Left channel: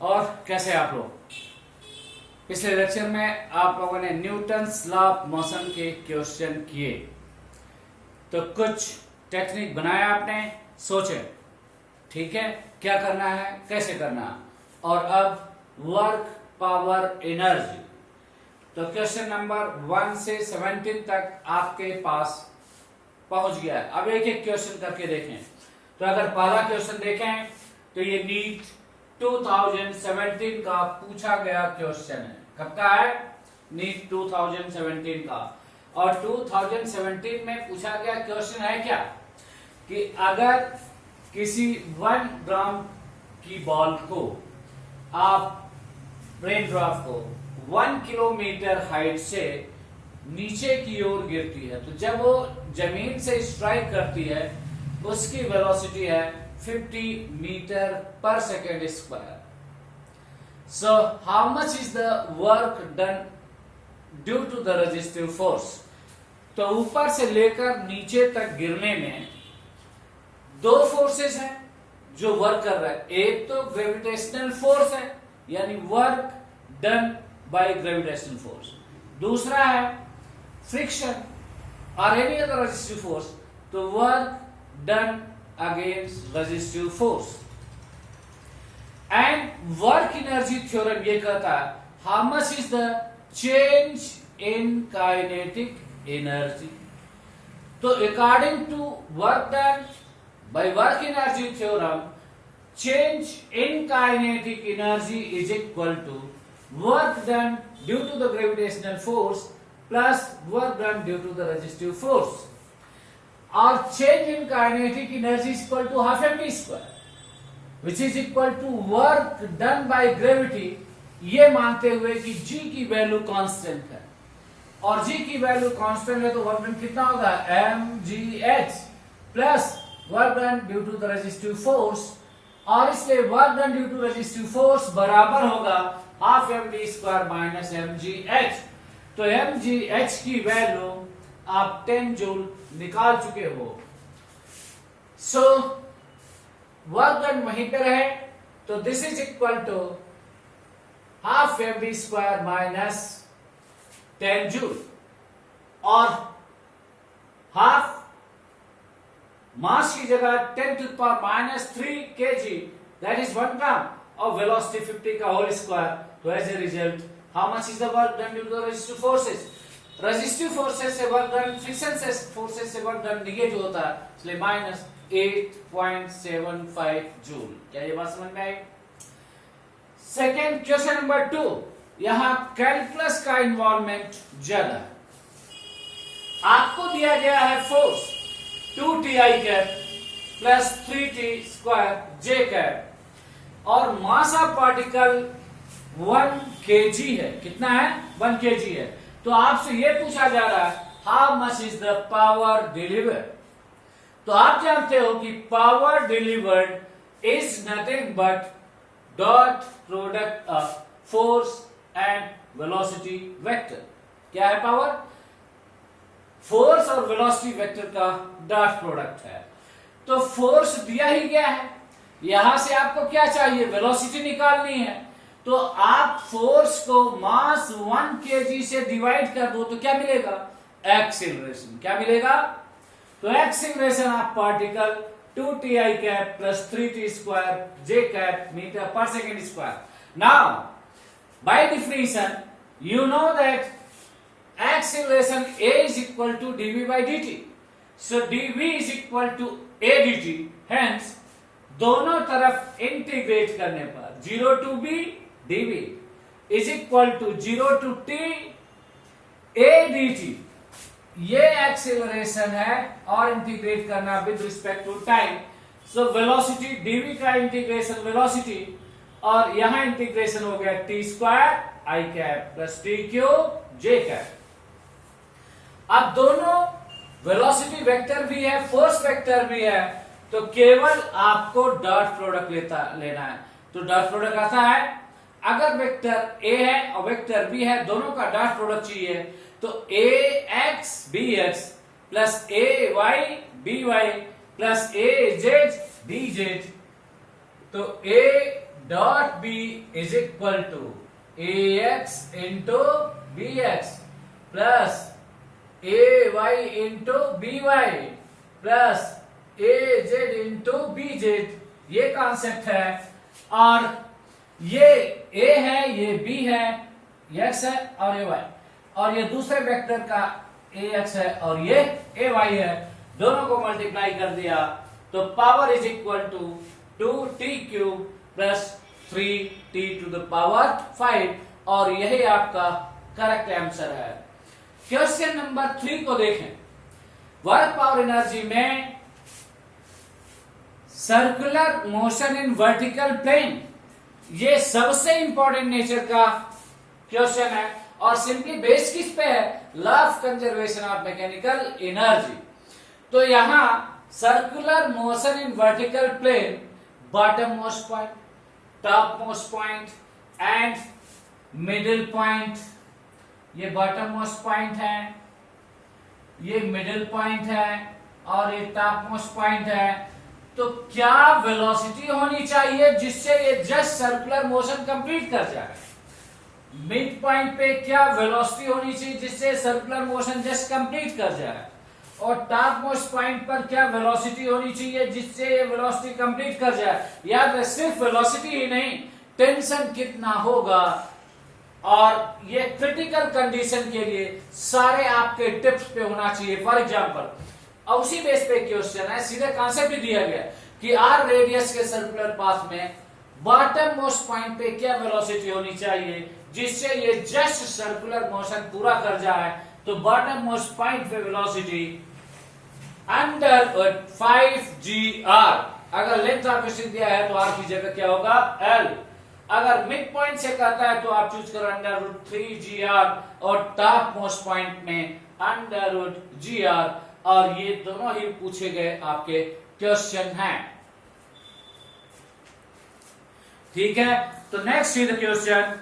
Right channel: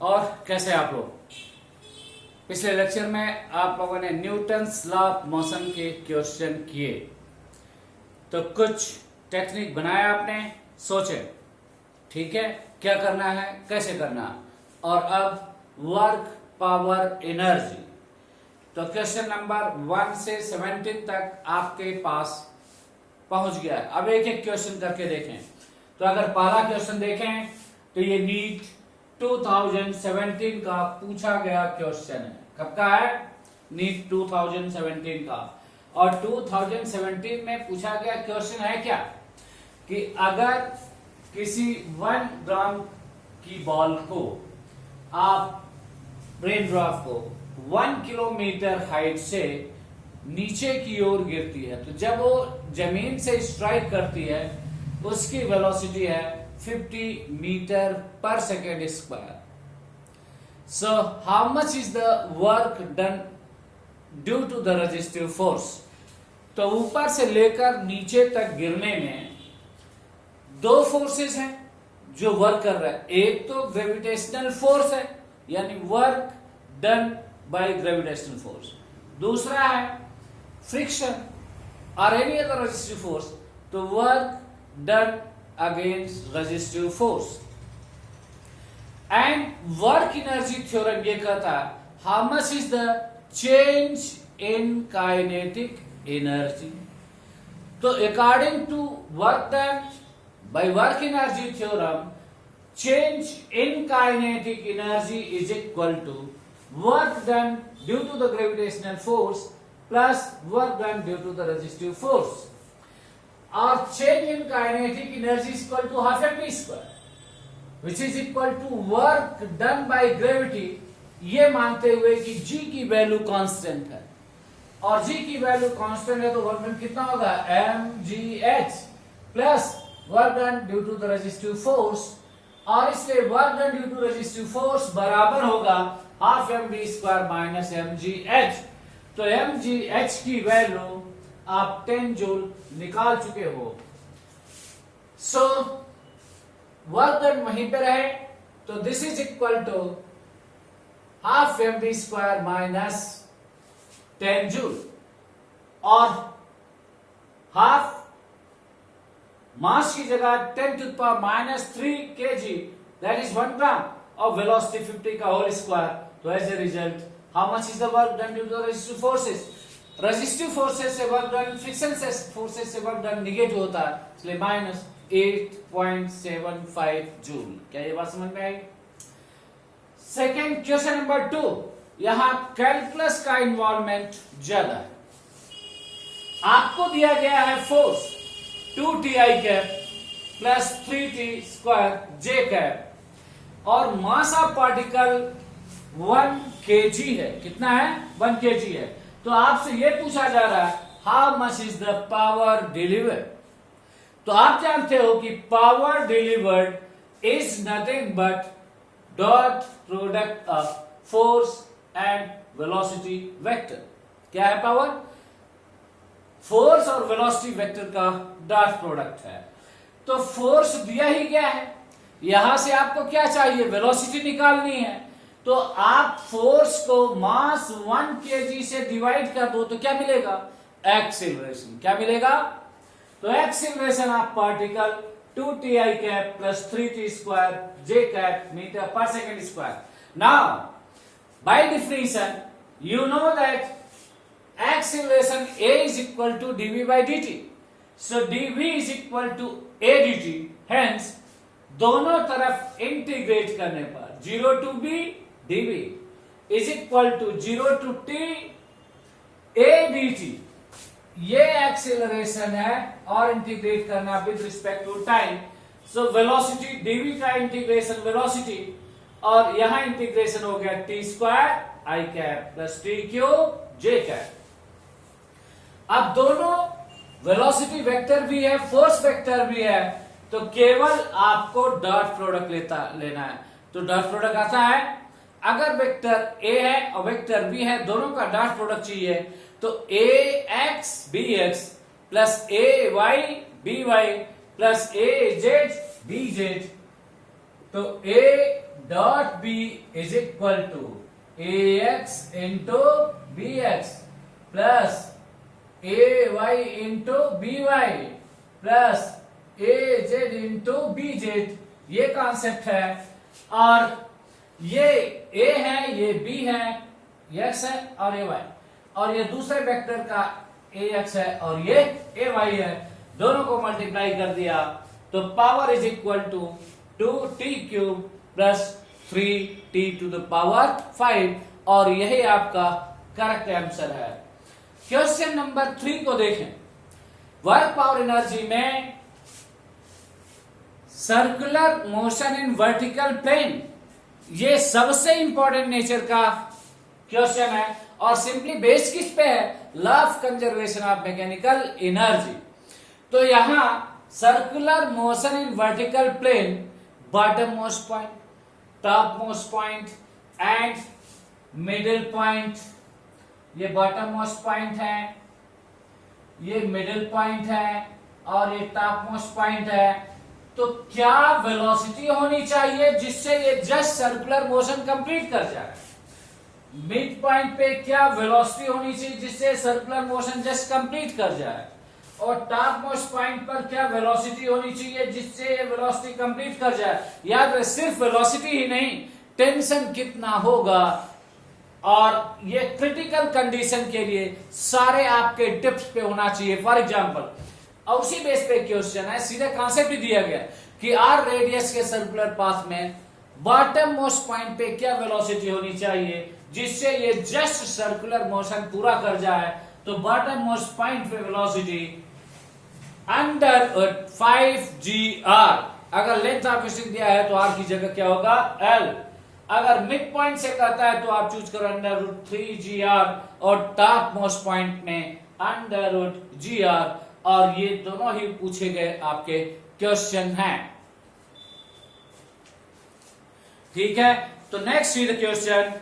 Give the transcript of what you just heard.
और कैसे आप लोग। पिछले लेक्चर में आप लोगों ने न्यूटन्स लॉ ऑफ मोशन के क्वेश्चन किए, तो कुछ टेक्निक बनाया आपने, सोचे ठीक है क्या करना है, कैसे करना है। और अब वर्क पावर एनर्जी, तो क्वेश्चन नंबर 1 से 17 तक आपके पास पहुंच गया है। अब एक एक क्वेश्चन करके देखें। तो अगर पहला क्वेश्चन देखें तो ये नीट 2017 का पूछा गया क्वेश्चन है। कब का है? नीट 2017 का। और 2017 में पूछा गया क्वेश्चन है क्या कि अगर किसी 1 ग्राम की बॉल को आप रेन ड्रॉप को 1 किलोमीटर हाइट से नीचे की ओर गिरती है, तो जब वो जमीन से स्ट्राइक करती है उसकी वेलोसिटी है 50 metre per second square. So how much is the work done due to the resistive force. तो ऊपर से लेकर नीचे तक गिरने में 2 फोर्सेस हैं जो वर्क कर रहा है। एक तो ग्रेविटेशनल फोर्स है, यानी work done by gravitational force. दूसरा है फ्रिक्शन और एनी अदर रेजिस्टिव फोर्स, तो work done against resistive force. And work energy theorem ये कहता है how much is the change in kinetic energy. तो according to work done by work energy theorem, change in kinetic energy is equal to work done due to the gravitational force plus work done due to the resistive force. Or change in kinetic energy is equal to half mv square, which is equal to work done by gravity, ये मानते हुए कि g की value constant है। और g की value constant है तो वर्क डन कितना होगा? mgh plus work done due to the resistive force. और इसलिए work done due to resistive force बराबर होगा half M D square minus M G H. तो एम जी एच की वैल्यू आप 10 जूल निकाल चुके हो। सो वर्क डन वहीं पे रहे, तो this is equal to half M D square minus 10 joule. और हाफ मास की जगह 10 to the power minus 3 kg, that is 1 gram of velocity 50 का whole square. तो as a result, how much is the work done due to the resistive forces? Resistive forces से work done, friction से forces से work done negative होता है, इसलिए minus 8.75 joule. क्या ये बात समझ में आई? सेकेंड क्वेश्चन नंबर 2, यहां कैलकुलस का इन्वॉल्वमेंट ज्यादा है। आपको दिया गया है force 2ti cap plus 3t square j cap और मास ऑफ पार्टिकल 1 kg है। कितना है? 1 kg है। तो आपसे यह पूछा जा रहा है how much is the power delivered. तो आप जानते हो कि power delivered is nothing but dot product of force and velocity vector. क्या है पावर? फोर्स और वेलोसिटी वेक्टर का डॉट प्रोडक्ट है। तो फोर्स दिया ही गया है, यहां से आपको क्या चाहिए? वेलोसिटी निकालनी है। तो आप फोर्स को मास 1 kg से डिवाइड कर दो तो क्या मिलेगा? एक्सीलरेशन। क्या मिलेगा? तो acceleration of particle 2ti cap plus 3t square j cap metre per second square. Now by definition you know that acceleration a is equal to dv by dt. So dv is equal to a dt. Hence दोनों तरफ integrate करने पर 0 to b dv is equal to 0 to t a dt. ये acceleration है और integrate करना with respect to time. So velocity dv का integration velocity और यहां इंटीग्रेशन हो गया t square i cap plus t cube j cap. अब दोनों वेलोसिटी वेक्टर भी है, फोर्स वेक्टर भी है, तो केवल आपको डॉट प्रोडक्ट लेना है। तो डॉट प्रोडक्ट आता है, अगर वेक्टर ए है और वेक्टर बी है, दोनों का डॉट प्रोडक्ट चाहिए, तो A X B X plus A Y B Y plus A Z D Z, तो A dot B is equal to A X into B X plus A Y into B Y plus A Z into B Z, ये concept है। और ये ए है, ये B है, ये x है और ये वाई, और ये दूसरे वेक्टर का ए एक्स है और ये ए वाई है, दोनों को मल्टीप्लाई कर दिया तो power is equal to 2t cube plus 3t to the power 5, और यही आपका करेक्ट आंसर है। क्वेश्चन नंबर 3 को देखें। वर्क पावर एनर्जी में circular motion in vertical plane, ये सबसे इंपॉर्टेंट नेचर का क्वेश्चन है और सिंपली बेस किस पे है? Law of conservation of mechanical energy. तो यहां circular motion in vertical plane, bottom most point, top most point and middle point, ये बॉटम मोस्ट पॉइंट है, ये मिडिल पॉइंट है और ये टॉप मोस्ट पॉइंट है। तो क्या वेलोसिटी होनी चाहिए जिससे ये जस्ट सर्कुलर मोशन कंप्लीट कर जाए? मिड पॉइंट पे क्या वेलोसिटी होनी चाहिए जिससे सर्कुलर मोशन जस्ट कंप्लीट कर जाए? और टॉप मोस्ट पॉइंट पर क्या वेलोसिटी होनी चाहिए जिससे ये वेलोसिटी कंप्लीट कर जाए? याद सिर्फ वेलोसिटी ही नहीं, टेंशन कितना होगा, और ये क्रिटिकल कंडीशन के लिए सारे आपके टिप्स पे होना चाहिए। फॉर एग्जांपल, और उसी बेस पे क्वेश्चन है, सीधे कॉन्सेप्ट दिया गया कि आर रेडियस के सर्कुलर पाथ में बॉटम मोस्ट पॉइंट पे क्या वेलोसिटी होनी चाहिए जिससे ये जस्ट सर्कुलर मोशन पूरा कर जाए। तो बॉटम मोस्ट पॉइंट पे वेलोसिटी अंडर 5gr, अगर लेंथ ऑफ क्वेश्चन दिया है तो आर की जगह क्या होगा? एल। अगर मिड पॉइंट से कहता है तो आप चूज करो अंडर 3gr, और टॉप मोस्ट पॉइंट में अंडर gr, और ये दोनों ही पूछे गए आपके क्वेश्चन हैं। ठीक है, तो नेक्स्ट इज द क्वेश्चन